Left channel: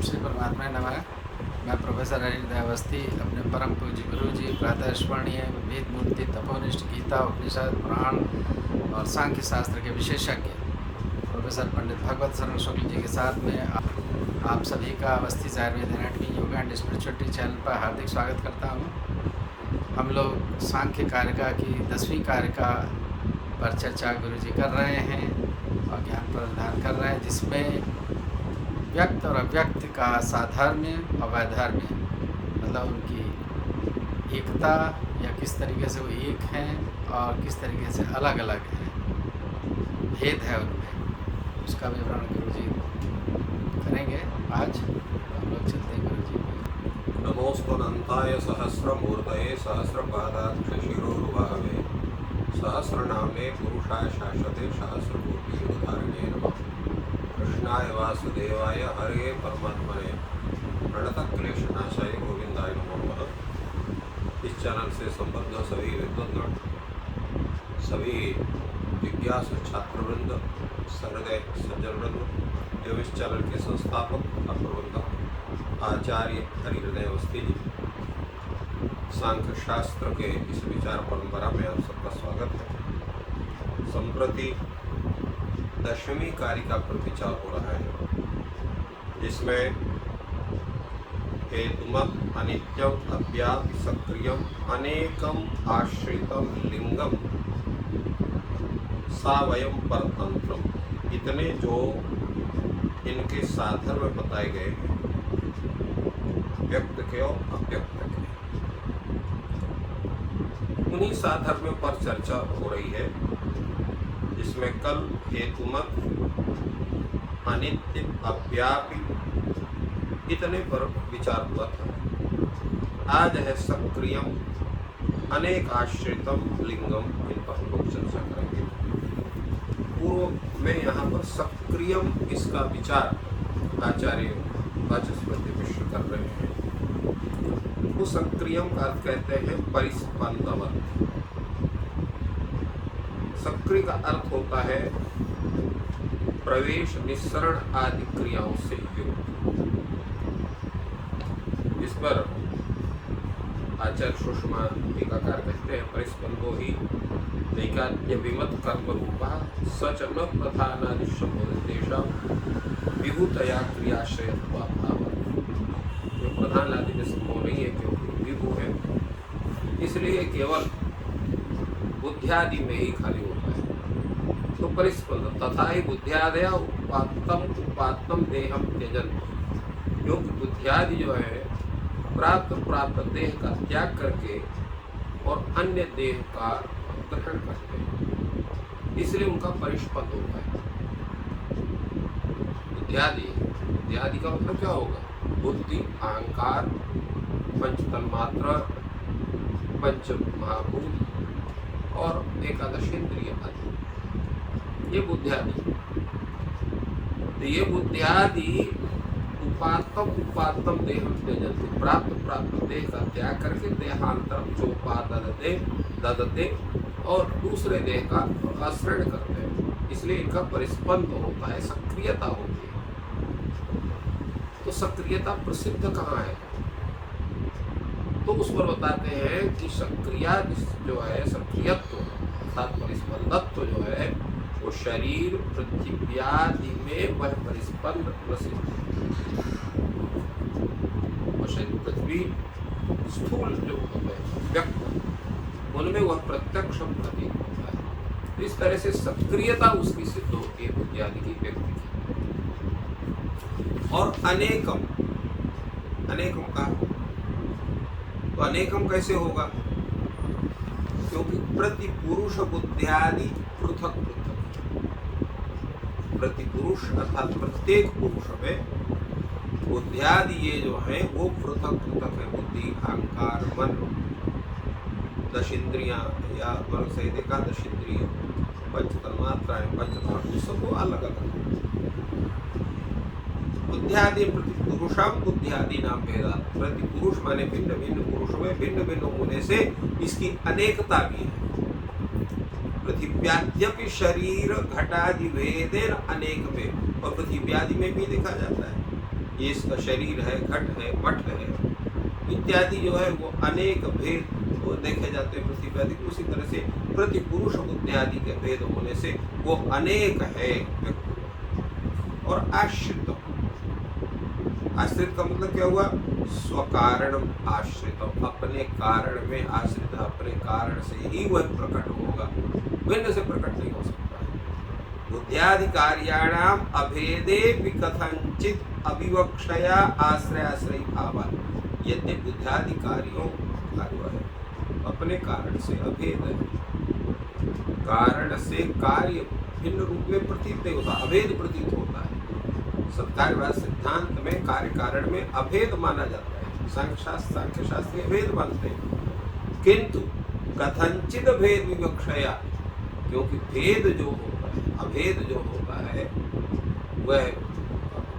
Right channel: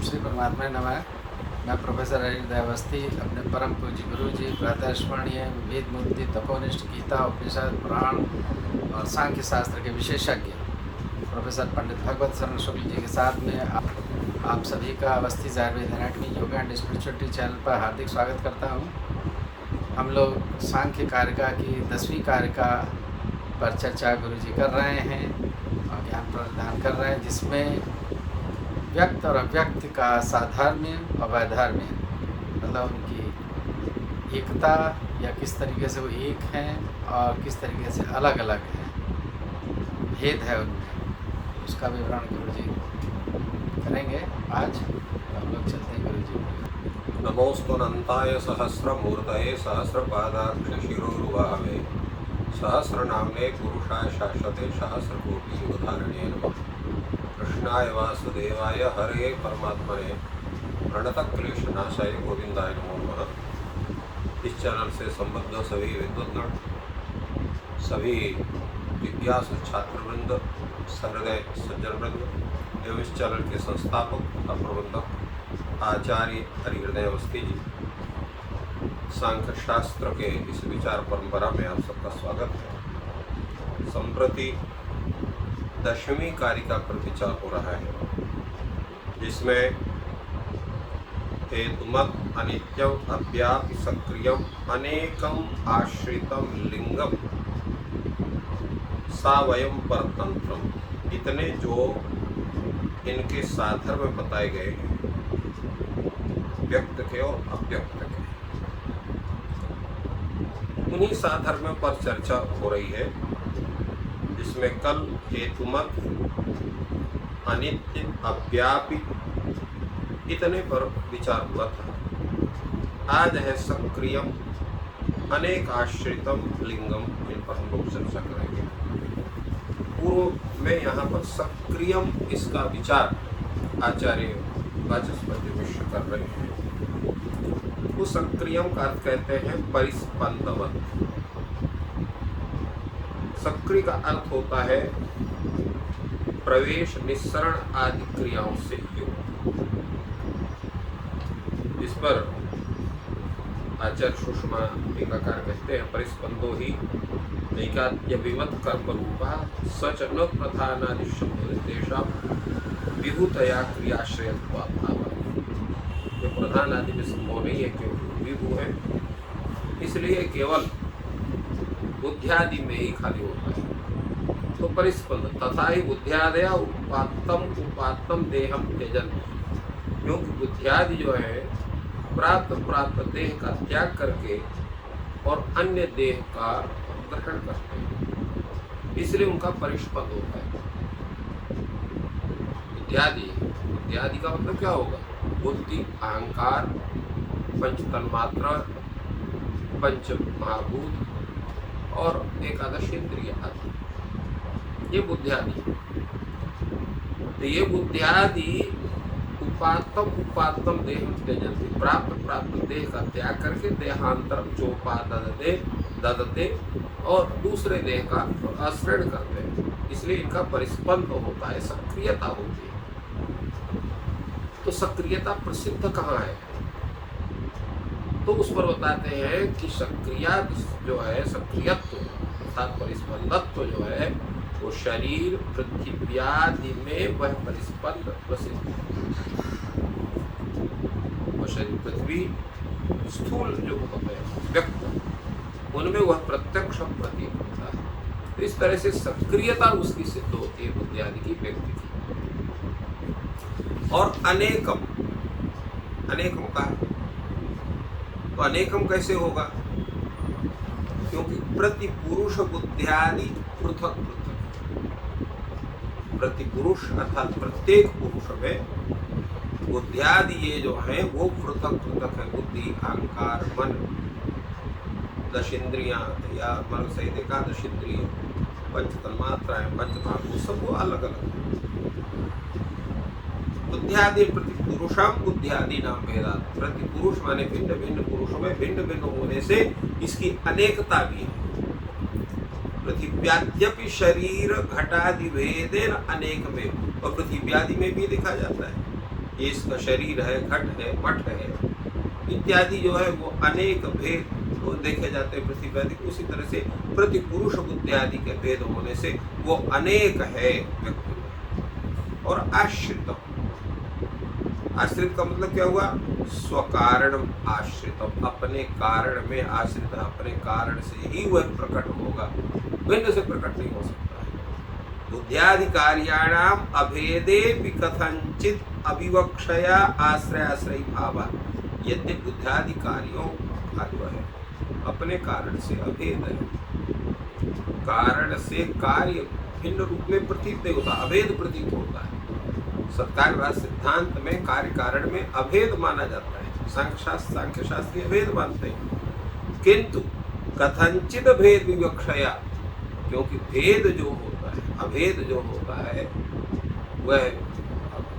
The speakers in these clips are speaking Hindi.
श्री परमात्मा नमः। मैं प्रोफेसर हरिहृदय अवस्थी अपने परम पूज्य गुरु जी प्रातः स्मरणीय वेद मूर्ति तपोनिष्ठ गीता उपनिषद पुराण और सांख्य शास्त्र के विशेषज्ञ प्रोफेसर पंडित भगवत शरण शुक्ल जी के साथ में आप सभी का Awasthi Ayurveda anatomy yoga and spirituality channel पर हार्दिक स्वागत करता हूँ। हम लोग सांख्य कारिका की 10वीं कारिका पर चर्चा गुरु जी कर रहे हैं और ज्ञान प्रदान कर रहे हैं, जिसमें व्यक्त और अव्यक्त का साधर्म्य और वैधर्म्य, मतलब उनकी एकता या किस तरीके से वो एक हैं और किस तरीके से अलग अलग हैं, भेद है उनमें, उसका विवरण गुरु जी करेंगे आज। तो हम लोग चलते हैं गुरु जी की। नमोस्तुनंताय सहस्रमूर्तये सहस्रपादाक्ष शिरोरुबाहवे सहस्रनाम्ने पुरुषाय शाश्वते सहस्रकोटि युगधारणे नमः। कृष्णाय वासुदेवाय हरे परमात्मने प्रणतक्लेशनाशाय गोविंदाय नमो नमः। इस चैनल से संबद्ध सभी विद्वद्गण, सभी जिज्ञासु छात्रवृंद, सहृदय सज्जनवृंद एवं इस चैनल के संस्थापक तथा प्रबंधक आचार्य हरिहृदय अवस्थी जी, सांख्य शास्त्र के इस विचार परंपरा में आप सबका स्वागत है। संप्रति 10वीं कारिका पर विचार हो रहा है, जिसमें हेतुमत अनित्यम अव्यापि सक्रियम अनेकम आश्रितम लिंगम सावयम परतंत्रम, इतने जो इनके साधर्म बताए गए हैं, व्यक्त के और अव्यक्त के, उन्हीं साधर्म पर चर्चा हो रही है, जिसमें कल हेतुमत अनित्य अव्यापी इतने पर विचार हुआ था। आज है सक्रियम अनेक आश्रितम लिंगम, इन पर हम लोग चर्चा करेंगे। पूर्व में यहाँ पर सक्रियम इसका विचार आचार्य वाचस्पति मिश्र कर रहे हैं। उस सक्रियम का अर्थ कहते हैं परिस्पंदवत। सक्रिय का अर्थ होता है प्रवेश निस्सरण आदि क्रियाओं से युक्त। इस पर आचार्य सुषमा टीकाकार कहते हैं, परिस्पंदो ही नैकाद्य विमत कर्म रूपा सच न प्रधानादि संबोधित तेषां विभूतया क्रियाश्रयत्वा भाव। ये प्रधान आदि में संभव नहीं है क्योंकि विभू है, इसलिए केवल बुद्धियादि में ही खाली होता है। तो परिस्पंद तथा ही बुद्धियादया उपात्तम देहम त्यजन, क्योंकि बुद्धियादि जो है प्राप्त देह का त्याग करके और अन्य देह का ग्रहण करते हैं, इसलिए उनका परिस्पंद होता है। बुद्धियादि का मतलब क्या होगा? बुद्धि, अहंकार, पंच तन्मात्रा, पंच महाभूत और एकादश इंद्रिय आदि, ये बुद्धियादि। तो ये बुद्धियादि उपात्तम देहम त्यजन्ति, प्राप्त देह का त्याग करके देहांतरम ददते और दूसरे देह का आश्रय करते हैं, इसलिए इनका परिस्पंद होता है, सक्रियता होती है। तो सक्रियता प्रसिद्ध कहाँ है? तो उस पर बताते हैं कि सक्रिया जो है, सक्रियत्व अर्थात परिस्पंदत्व जो है, वो शरीर पृथ्व्यादि में वह परिस्पंद प्रसिद्ध है। वो शरीर पृथ्वी स्थूल जो होते हैं व्यक्त, उनमें वह प्रत्यक्ष प्रतीत होता है। तो इस तरह से सक्रियता उसकी सिद्ध होती है बुद्धियादि की, व्यक्ति की। और अनेकम का तो अनेकम कैसे होगा? क्योंकि प्रतिपुरुष बुद्धियादि पृथक पृथक, प्रतिपुरुष अर्थात प्रत्येक पुरुष में बुद्धियादि ये जो है वो पृथक पृथक है। बुद्धि, अहंकार, मन, 10 इंद्रियां या मन सहित एकादश इंद्रिय, पंच तन्मात्राएं, पंच महाभूत, सब वो अलग अलग। बुद्धियादि प्रतिपुरुषम बुद्धियादि नाम भेदात, प्रतिपुरुष माने भिन्न भिन्न पुरुषों में भिन्न भिन्न होने से इसकी अनेकता भी है। पृथिव्याद्यपि शरीर घटादि भेदेन अनेक में, और पृथिव्यादि में भी देखा जाता है ये इसका शरीर है, घट है, मठ है इत्यादि जो है वो अनेक भेद वो देखे जाते हैं पृथ्वी आदि। उसी तरह से प्रति पुरुष बुद्धि आदि के भेद होने से वो अनेक है व्यक्ति। और आश्रितम, आश्रित का मतलब क्या हुआ? स्वकारणम आश्रितम, अपने कारण में आश्रित, अपने कारण से ही वह प्रकट होगा, भिन्न से प्रकट नहीं हो सकता है। बुद्ध्याधिकार्याणाम अभेदे कथंचित अविवक्षया आश्रयाश्रयी भाव, यद्य बुद्ध्याधिकारियों का जो है अपने कारण से अभेद है, कारण से कार्य भिन्न रूप में प्रतीत नहीं होता, अभेद प्रतीत होता है। सत्कार्यवाद सिद्धांत में कार्य कारण में अभेद माना जाता है, सांख्य शास्त्री अभेद मानते हैं, किंतु कथंचित भेद विवक्षया, क्योंकि भेद जो होता है, अभेद जो होता है वह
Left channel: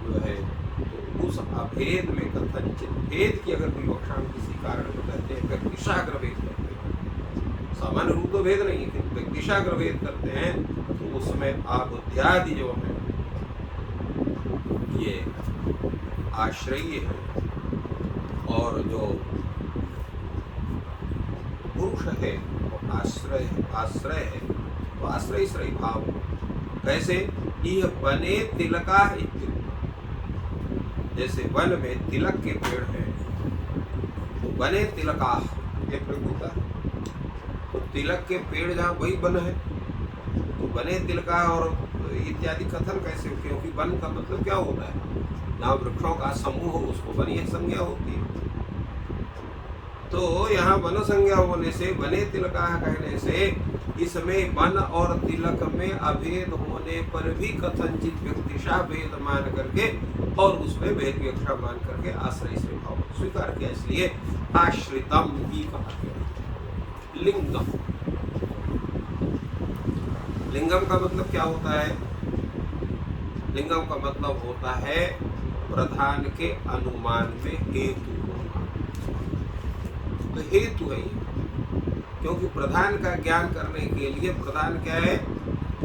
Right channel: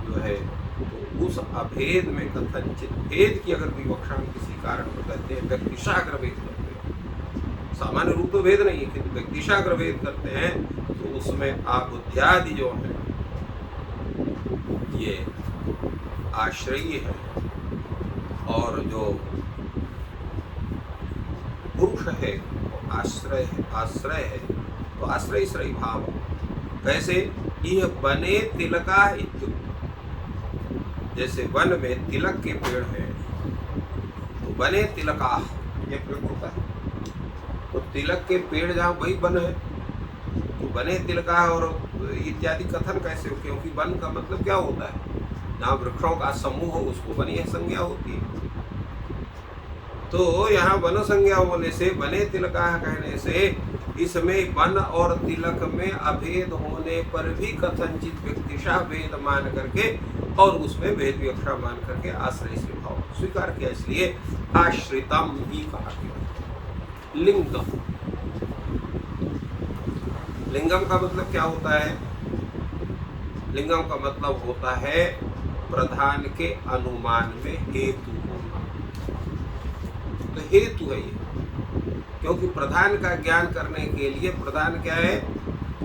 जो है तो उस अभेद में कथंचित भेद की अगर विवक्षा किसी कारण को कहते हैं, व्यक्तिशाग्र भेद करते हैं, सामान्य रूप तो भेद नहीं है किंतु व्यक्तिशाग्र भेद करते हैं, तो उसमें आबुद्ध्यादि जो है ये आश्रयी है, और जो पुरुष है वो आश्रय है, आश्रय है, तो आश्रय श्रयी भाव। कैसे? यह बने तिलका इत्युक्त, जैसे वन में तिलक के पेड़ हैं, तो बने तिलका ये प्रयोग होता है, तो तिलक के पेड़ जहाँ वही वन है, तो बने तिलका और इत्यादि कथन कैसे हो? क्योंकि वन का मतलब क्या होता है? जहाँ वृक्षों का समूह हो उसको वन यह संज्ञा होती है। तो यहाँ वन संज्ञा होने से बने तिलका कहने से इसमें वन और तिलक में अभेद होने पर भी कथनचित व्यक्तिशा भेद मान करके और उसमें भेद विवक्षा मान करके आश्रय से भाव स्वीकार किया, इसलिए आश्रितम ही कहा गया। लिंगम, लिंगम का मतलब क्या होता है? लिंगम का मतलब होता है प्रधान के अनुमान में हेतु होना। तो हेतु है ये, क्योंकि प्रधान का ज्ञान करने के लिए प्रधान क्या है?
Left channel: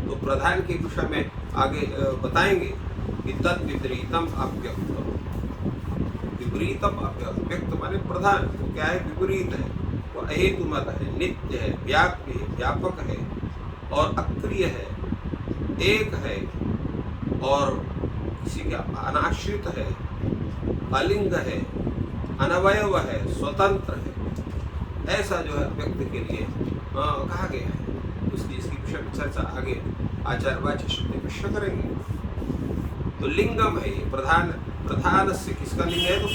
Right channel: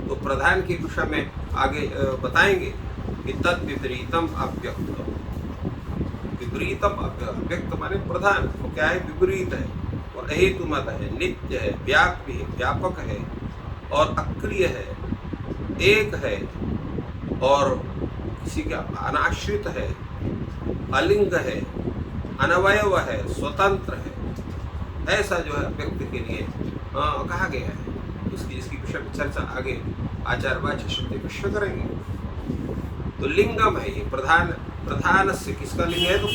तो प्रधान के विषय में आगे बताएंगे कि तद विपरीतम अव्यक्तम, विपरीतम अव्यक्त माने प्रधान वो क्या है? विपरीत है, वो अहेतु मत है, नित्य है, व्याप्य है, व्यापक है और अक्रिय है, एक है और किसी का अनाश्रित है, अलिंग है, अनवयव है, स्वतंत्र है, ऐसा जो है व्यक्ति के लिए कहा गया है। उसकी इसकी विषय में चर्चा आगे आचार्यवाच्य शब्द विषय करेंगे। तो लिंगम है ये प्रधान, प्रधान से किसका लिंग है? तो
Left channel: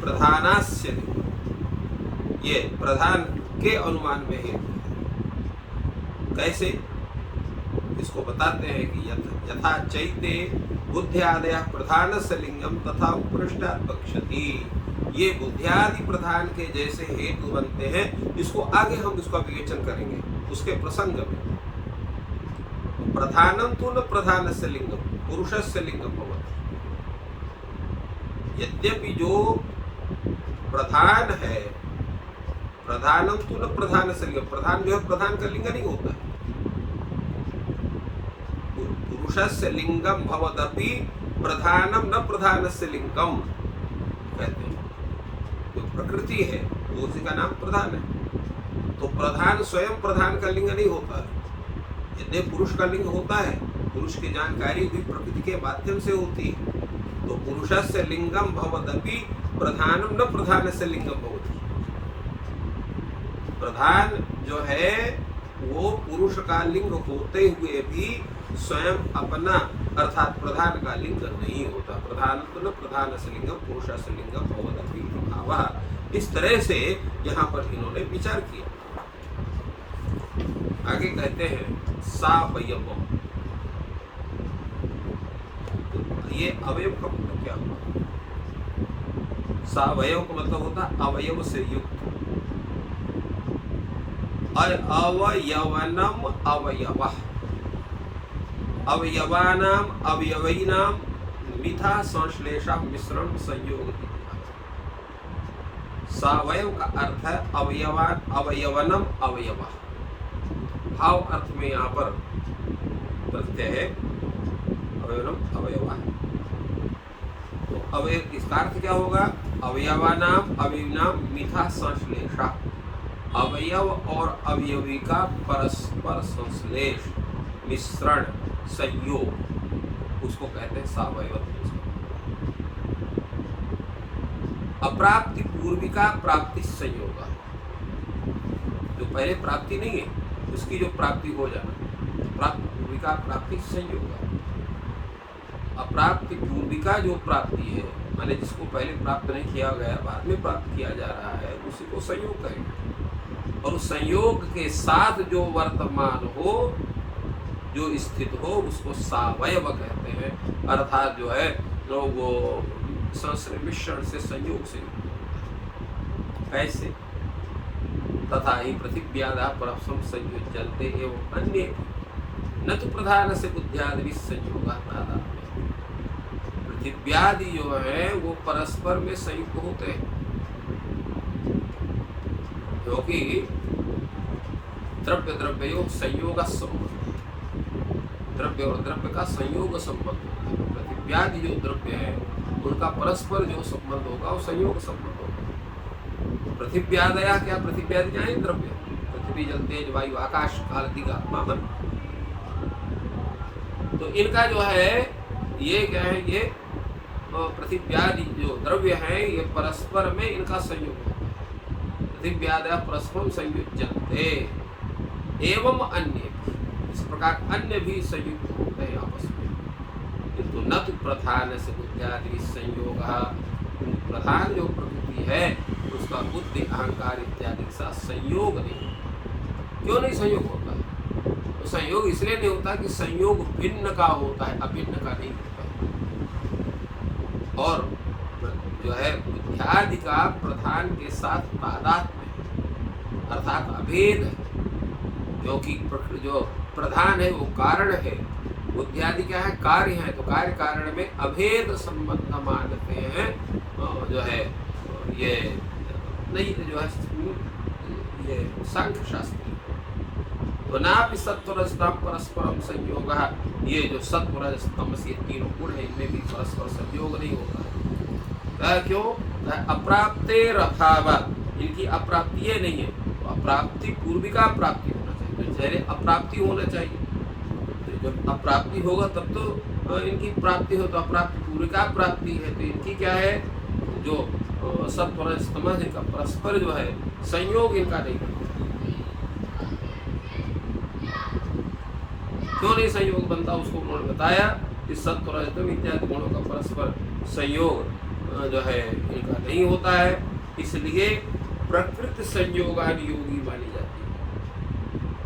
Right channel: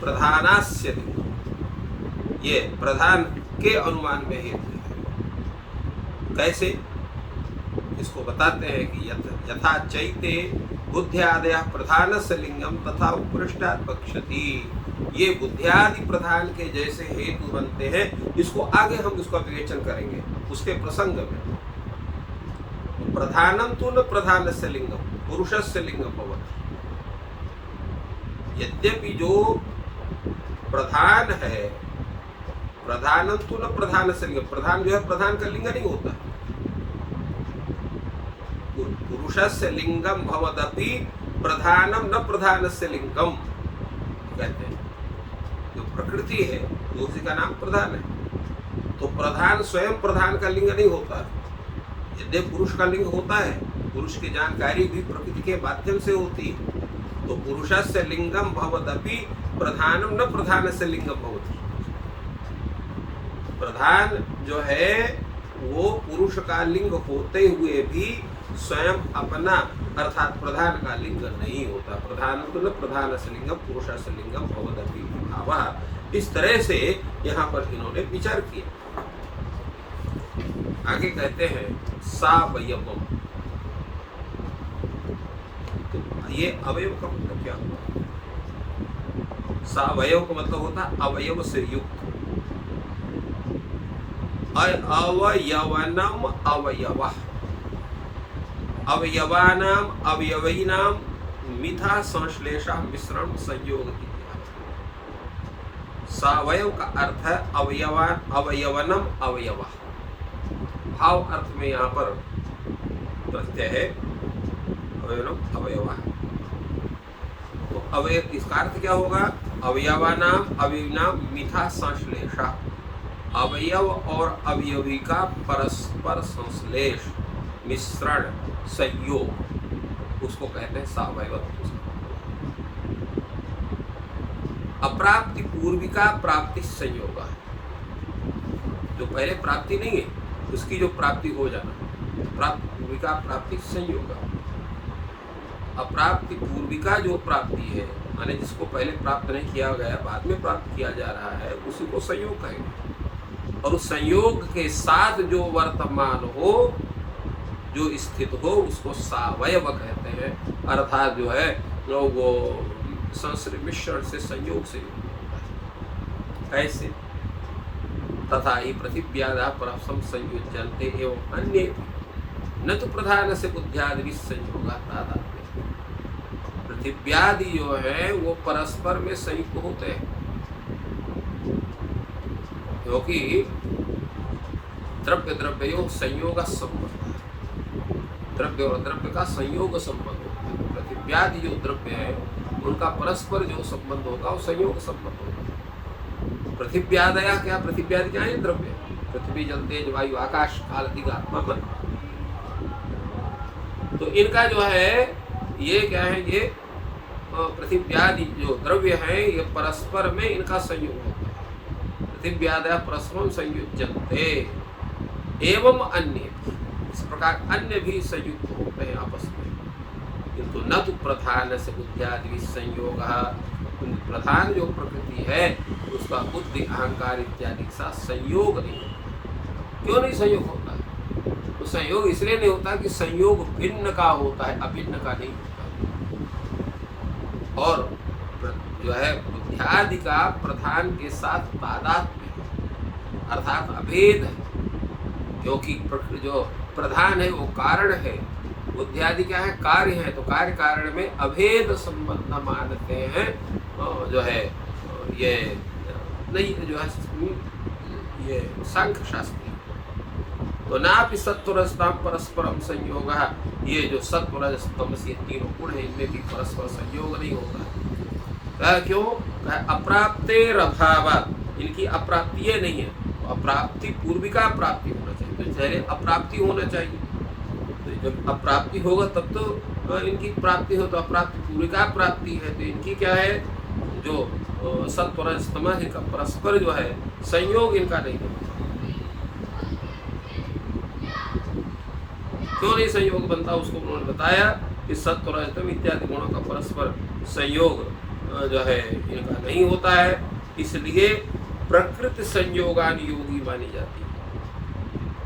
प्रधानास्य लिंगम, ये प्रधान के अनुमान में हेतु है। कैसे? इसको बताते हैं कि यथा चैते बुद्ध्यादय प्रधान से लिंगम तथा उपृष्टात् पक्षति, ये बुद्ध्यादि प्रधान के जैसे हेतु बनते हैं। इसको आगे हम इसका विवेचन करेंगे उसके प्रसंग में। तो प्रधानम तो न प्रधान से लिंगम, पुरुष से लिंगम भवति, यद्यपि जो प्रधान है, प्रधानम तो न प्रधान से लिंगम, प्रधान जो है प्रधान का लिंग नहीं होता, पुरुषस्य लिंगम भवदपि प्रधानम न प्रधानस्य लिंगम कहते हैं। जो प्रकृति है तो उसी का नाम प्रधान है। तो प्रधान स्वयं प्रधान का लिंग नहीं होता है, यदि पुरुष का लिंग होता है, पुरुष की जानकारी भी प्रकृति के माध्यम से होती है। तो पुरुषस्य लिंगम भवदपि प्रधानम न प्रधानस्य लिंगम भवति, प्रधान जो है वो पुरुष का लिंग होते हुए भी स्वयं अपना अर्थात प्रधान का लिंग नहीं होता। प्रधान तो न प्रधान से लिंगम पुरुष से लिंगम भवदपि भाव, इस तरह से यहाँ पर इन्होंने विचार किया। आगे कहते हैं सावयवम, तो ये अवयव का मतलब क्या हुआ? सावयव का मतलब होता है अवयव से युक्त, अवयवनम अवयवः, अवयवानाम अवयवीनाम मिथा संश्लेषा मिश्रण संयोग इत्यादि। सावयव का अर्थ है अवयवान, अवयवनम अवयव, भाव अर्थ में यहाँ पर प्रत्यय है अवयवनम अवयव। तो अवयव, इसका अर्थ क्या होगा? अवयवानाम अवयविनाम मिथा संश्लेषा, अवयव और अवयवी का परस्पर संश्लेष, मिश्रण, संयोग, उसको कहते हैं सावयवत्व। अप्राप्ति पूर्विका प्राप्ति संयोग है, जो पहले प्राप्ति नहीं है उसकी जो प्राप्ति हो जाना, प्राप्ति पूर्विका प्राप्ति संयोग। अप्राप्ति पूर्विका जो प्राप्ति है, माने जिसको पहले प्राप्त नहीं किया गया बाद में प्राप्त किया जा रहा है, उसी को संयोग कहेंगे। और उस संयोग के साथ जो वर्तमान हो, जो स्थित हो, उसको सावयव कहते हैं। अर्थात जो है वो संश्लेष मिश्रण से संयोग से होता है। कैसे? तथा ही पृथिव्यादा परस्परम संयोज्यन्ते एवं अन्ये न तो प्रधान से बुद्ध्यादि संयोगा तादात्म्य। पृथिव्यादि जो है वो परस्पर में संयुक्त होते हैं, क्योंकि द्रव्य द्रव्यो संयोग संबंध है, द्रव्य और द्रव्य का संयोग संबंध होता है। तो पृथिव्यादि जो द्रव्य है उनका परस्पर जो संबंध होगा वो संयोग संबंध होगा। पृथिव्यादया क्या? पृथिव्यादि क्या है? द्रव्य। पृथ्वी जल तेज वायु आकाश काल दिग आत्मा मन। तो इनका जो है ये क्या है? ये पृथिव्यादि जो द्रव्य है ये परस्पर में इनका संयोग होता है। पृथिव्यादया परस्पर संयुज्यन्ते एवं अन्य भी, इस प्रकार अन्य भी संयुक्त होते हैं आपस में, किंतु न तो प्रधान से बुद्धियादि संयोग। प्रधान जो प्रकृति है उसका बुद्धि अहंकार इत्यादि के साथ संयोग नहीं होता। क्यों नहीं संयोग होता है? तो संयोग इसलिए नहीं होता कि संयोग भिन्न का होता है, अभिन्न का नहीं होता है। और जो है बुद्धियादि का प्रधान के साथ तादात्म्य है, अर्थात अभेद है, क्योंकि जो प्रधान है वो कारण है, बुद्धियादि क्या है? कार्य है। तो कार्य कारण में अभेद संबंध मानते हैं जो है ये नहीं, जो है ये सांख्य शास्त्री। तो नापि सत्वरजतम परस्परम संयोग, ये जो सत्व रजस तमस ये तीनों गुण है इनमें भी परस्पर संयोग नहीं होता। कहा क्यों? कहा अप्राप्तेर अभावात्, इनकी अप्राप्ति नहीं है। तो अप्राप्ति पूर्विका प्राप्ति होना चाहिए, तो पहले अप्राप्ति होना चाहिए। तो जब अप्राप्ति होगा तब तो इनकी प्राप्ति हो, तो अप्राप्ति पूर्विका प्राप्ति है। तो इनकी क्या है? जो सत्व रजस तमस इनका परस्पर जो है संयोग इनका नहीं बनता। क्यों नहीं संयोग बनता? उसको उन्होंने बताया कि सत्व रजस तमस इत्यादि गुणों का परस्पर संयोग जो है इनका नहीं होता है, इसलिए प्रकृति संयोगानुयोगी मानी जाती है।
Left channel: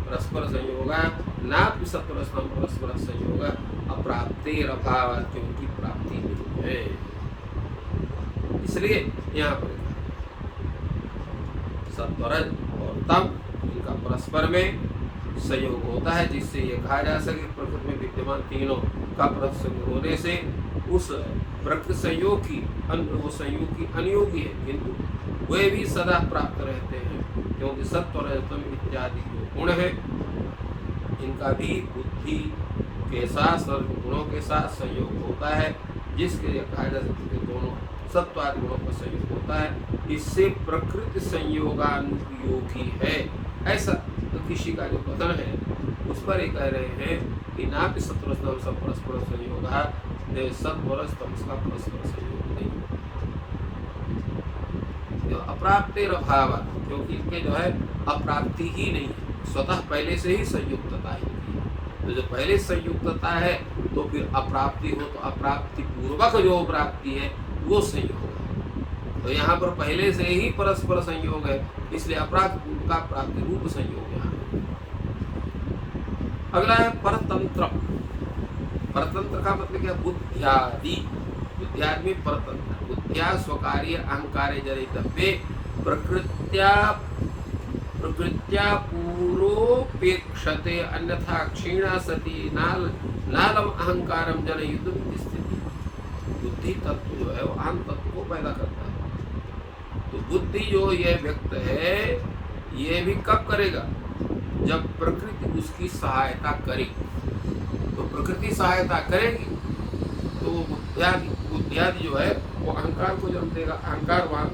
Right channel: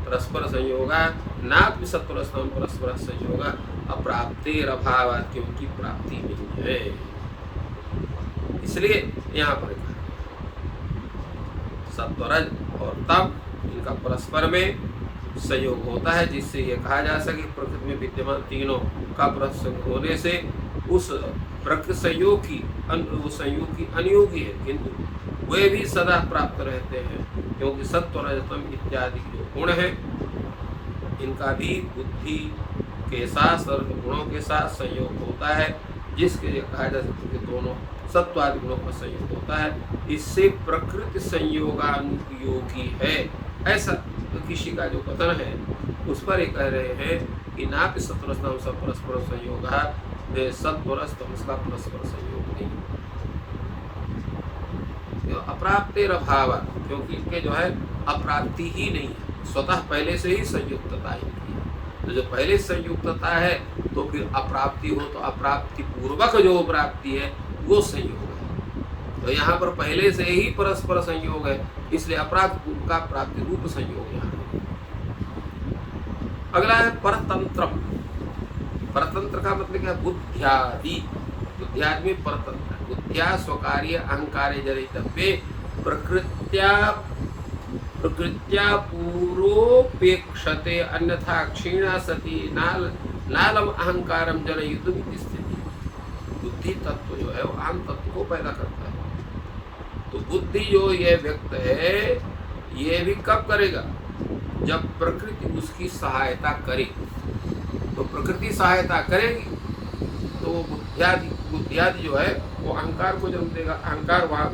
परस्पर संयोगा नापि सत्वरजतम परस्पर संयोग अप्राप्तेर अभावात्, क्योंकि प्राप्ति नहीं है, इसलिए यहाँ पर कहा सत्वरज और तम इनका परस्पर में संयोग होता है, जिससे ये कहा जा सके प्रकृति में विद्यमान तीनों का परस्पर होने से उस प्रकृति संयोग की वो संयोग की अनुयोगी है, किंतु वे भी सदा प्राप्त रहते हैं, क्योंकि सत्व रजतम इत्यादि जो गुण है इनका भी बुद्धि के साथ सर्व गुणों के साथ संयोग होता है, जिसके लिए कहा जा सकता है दोनों सत्व आदि गुणों का संयोग होता है। इससे प्रकृति संयोगानुपयोगी है, ऐसा तो किसी का जो कथन है उस पर ये कह रहे हैं कि नापि सत्वरजतम सब परस्पर संयोग, सत्वरज तमस का परस्पर संयोग नहीं। अप्राप्तेर अभावात्, क्योंकि इनके जो है अप्राप्ति ही नहीं है, स्वतः पहले से ही संयुक्तता इनकी है। तो जो पहले संयुक्तता है तो फिर अप्राप्ति हो तो अप्राप्ति पूर्वक जो प्राप्ति है वो संयोग है। तो यहाँ पर पहले से ही परस्पर संयोग है, इसलिए अप्राप्ति पूर्व का प्राप्ति रूप संयोग यहाँ। अगला है परतंत्र। परतंत्र का मतलब क्या? बुद्ध्यादि। बुद्ध्यादि में परतंत्र, बुद्धिया स्वकार्य अहंकारे जनितव्ये प्रकृत्या पूर्वोपेक्षते अन्यथा क्षीणा सती नालम अहंकारम जनयुद्ध स्थिति। बुद्धि तत्व जो है वो अहम तत्व को पैदा करता है। तो बुद्धि जो ये व्यक्त है ये भी कब करेगा? जब प्रकृति उसकी सहायता करे। तो प्रकृति सहायता करेगी तो तो वो बुद्धियादि जो है वो अहंकार को जन्म देगा, अहंकार वहाँ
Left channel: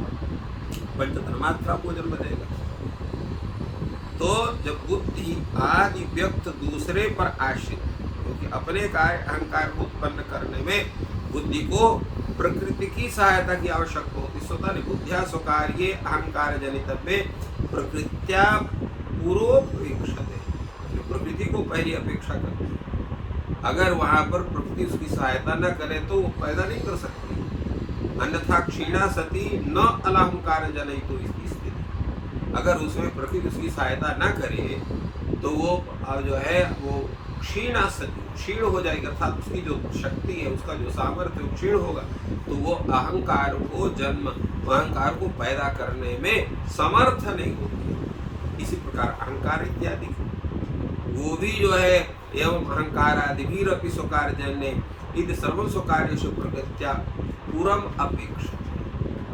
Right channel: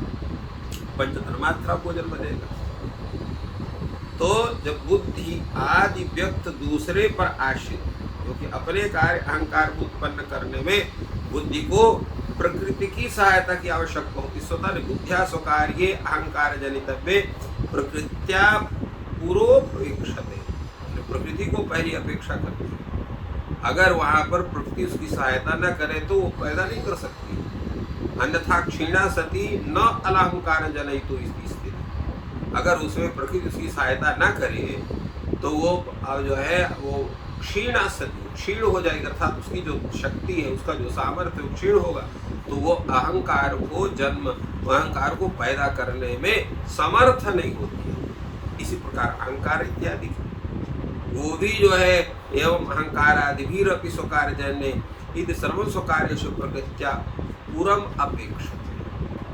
पंच तन्मात्रा को जन्म देगा। तो जब बुद्धि आदि व्यक्त दूसरे पर आश्रित, क्योंकि अपने कार्य अहंकार को उत्पन्न करने में बुद्धि को प्रकृति की सहायता की आवश्यकता होती। स्वतः ने बुद्धिया स्वकार्ये अहंकार जनितव्ये प्रकृत्या पूर्वोपेक्षते, प्रकृति को पहली अपेक्षा करती है। अगर वहां पर प्रकृति उसकी सहायता न करे तो वो पैदा नहीं कर सकती। अन्यथा क्षीणा सती न अलहंकार जनयितु इति स्थिति, अगर उसमें प्रकृति उसकी सहायता न करे तो वो जो है वो क्षीणा सती, क्षीण हो जाएगी, अर्थात उसकी जो शक्ति है, उसका जो सामर्थ्य है वो क्षीण होगा, तो वो अहंकार को जन्म, अहंकार को पैदा करने में समर्थ नहीं होती है। इसी प्रकार अहंकार इत्यादि वो भी जो है एवं अहंकार आदि भी रपि स्वकार जन्य इति सर्वं स्वकार्येषु प्रकृत्या पूर्वम अपेक्षा।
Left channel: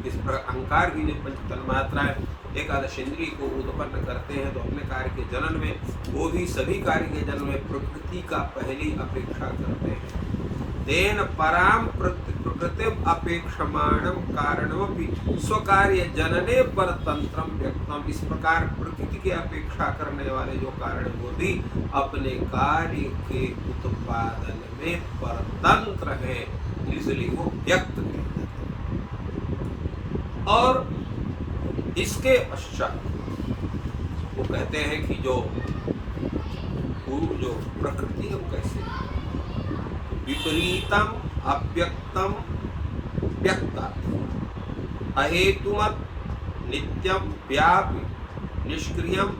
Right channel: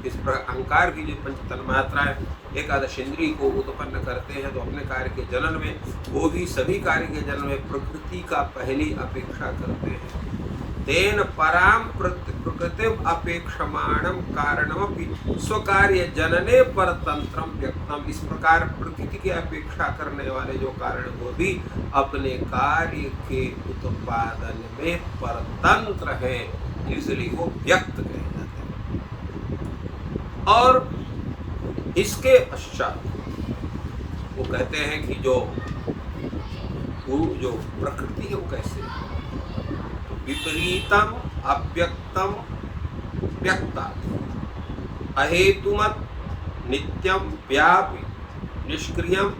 इस प्रकार अहंकार भी जो पंच तन्मात्राएं एकादश इंद्रिय को उत्पन्न करते हैं, तो अपने कार्य के जनन में वो भी सभी कार्य के जनन में प्रकृति का पहली अपेक्षा करते हैं। तेन पराम प्रकृतिम अपेक्षमाणम कारणमपि स्वकार्य जनने परतंत्रम व्यक्तम। इस प्रकार प्रकृति की अपेक्षा करने वाले जो कारण वो भी अपने कार्य के उत्पादन में परतंत्र है, इसलिए वो व्यक्त कहे जाते हैं। और इसके पश्चात वो कहते हैं कि जो प्रकृति है वो कैसे है, विपरीतम अव्यक्तम व्यक्तात् अहेतुमत नित्यम व्यापि निष्क्रियम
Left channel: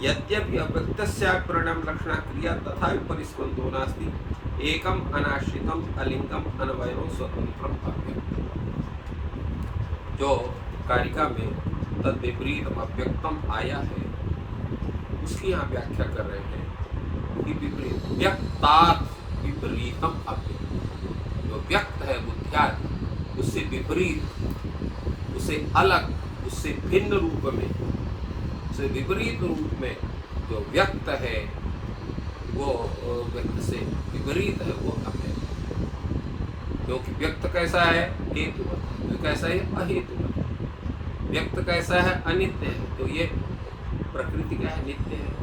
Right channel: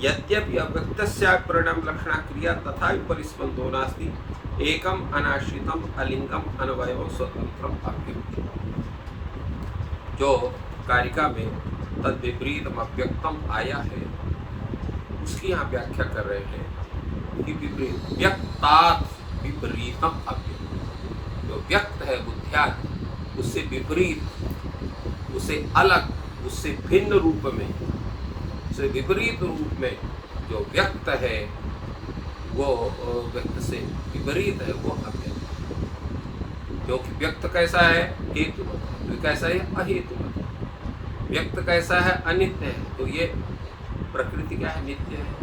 यद्यपि अव्यक्तस्य परिणाम लक्षणा क्रिया तथा परिस्पंदो नास्ति एकम अनाश्रितम अलिंगम अनवयवम स्वतंत्रम अव्यक्तम। जो कारिका में तद विपरीतम अव्यक्तम आया है उसकी यहाँ व्याख्या कर रहे हैं कि विपरीत व्यक्तात् विपरीतम अव्यक्त, जो व्यक्त है बुद्धियादि उससे विपरीत, उससे अलग, उससे भिन्न रूप में, उससे विपरीत रूप में जो व्यक्त है वो व्यक्त से विपरीत है, वो अव्यक्त है। क्योंकि व्यक्त कैसा है, हेतुवत है, तो कैसा है, अहेतुवत है। व्यक्त कैसा है, अनित्य है, तो ये प्रकृति क्या है, नित्य है।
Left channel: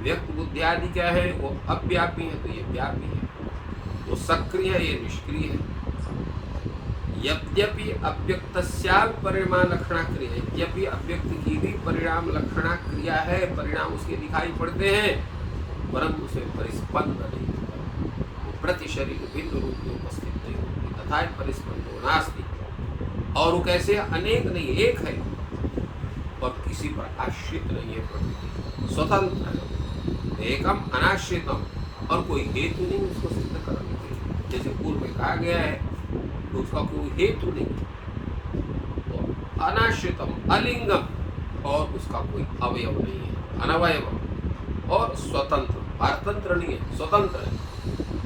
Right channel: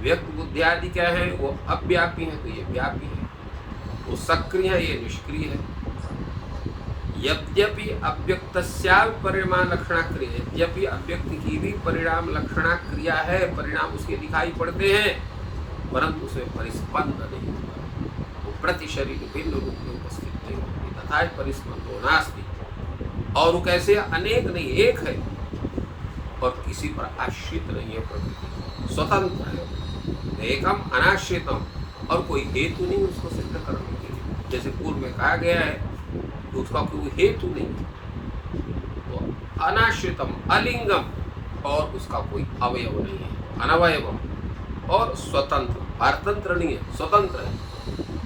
व्यक्त बुद्धि आदि क्या है, वो अव्यापी है, तो ये व्यापी है। वो सक्रिय है, ये निष्क्रिय है। यद्यपि अव्यक्तस्या परिणाम लक्षणा क्रिया, यद्यपि अव्यक्त की भी परिणाम लक्षणा क्रिया है, परिणाम उसके दिखाई पड़ते हैं, परंतु उसमें परिस्पंद नहीं होता, वो प्रति शरीर भिन्न रूप में उपस्थित नहीं होती। तथा परिस्पंदो नास्ति, और वो कैसे अनेक नहीं, एक है और किसी पर आश्रित नहीं है। प्रकृति स्वतंत्र है, एकम अनाश्रितम, और कोई हेतु नहीं उसको सिद्ध करने के लिए। जैसे पूर्व में कहा गया है तो उसका कोई हेतु नहीं, तो अनाश्रितम अलिंगम, और उसका कोई अवयव नहीं है, अनवयवम, और स्वतंत्र, पारतंत्र नहीं है, स्वतंत्र है।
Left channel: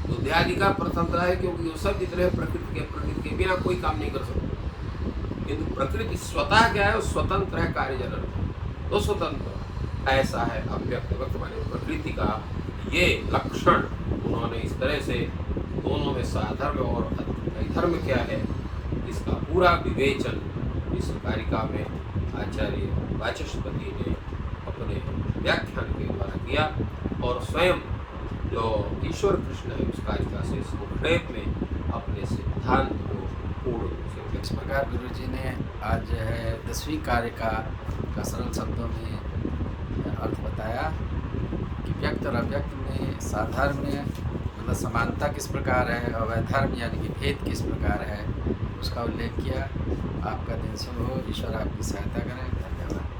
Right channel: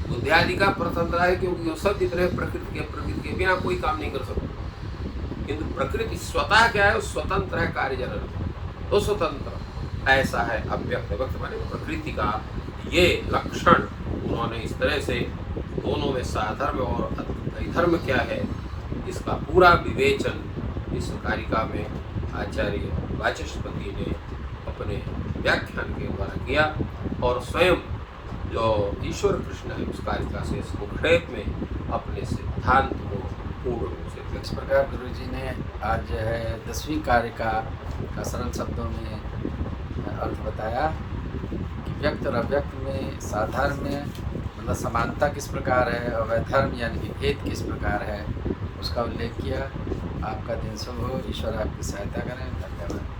बुद्धि आदि का परतंत्र है, क्योंकि वो सब जितने प्रकृति के बिना कोई काम नहीं कर सकते। किंतु प्रकृति स्वतः क्या है, स्वतंत्र है कार्य जनन में, तो स्वतंत्र ऐसा है अव्यक्त। व्यक्त माने प्रकृति का ये लक्षण उन्होंने इस तरह से दोनों में साधर्म और अधर्म क्या है इसका पूरा विवेचन इस कारिका में आचार्य वाचस्पति ने अपने व्याख्यान के द्वारा किया, और स्वयं जो ईश्वर कृष्ण है उस कारिका से संक्षेप में अपने सिद्धांत को पूर्ण रूप से। इस प्रकार गुरु जी ने आज जो है 10वीं कारिका का सरल शब्दों में अर्थ बताया कि व्यक्त और अव्यक्त में साधर्म्य मतलब समानता किस प्रकार है, और वैधर्म यानी कि भेद किस प्रकार है, उसका उल्लेख किया। आपका दिन शुभ हो, ईश्वर आपकी सहायता करें। धन्यवाद।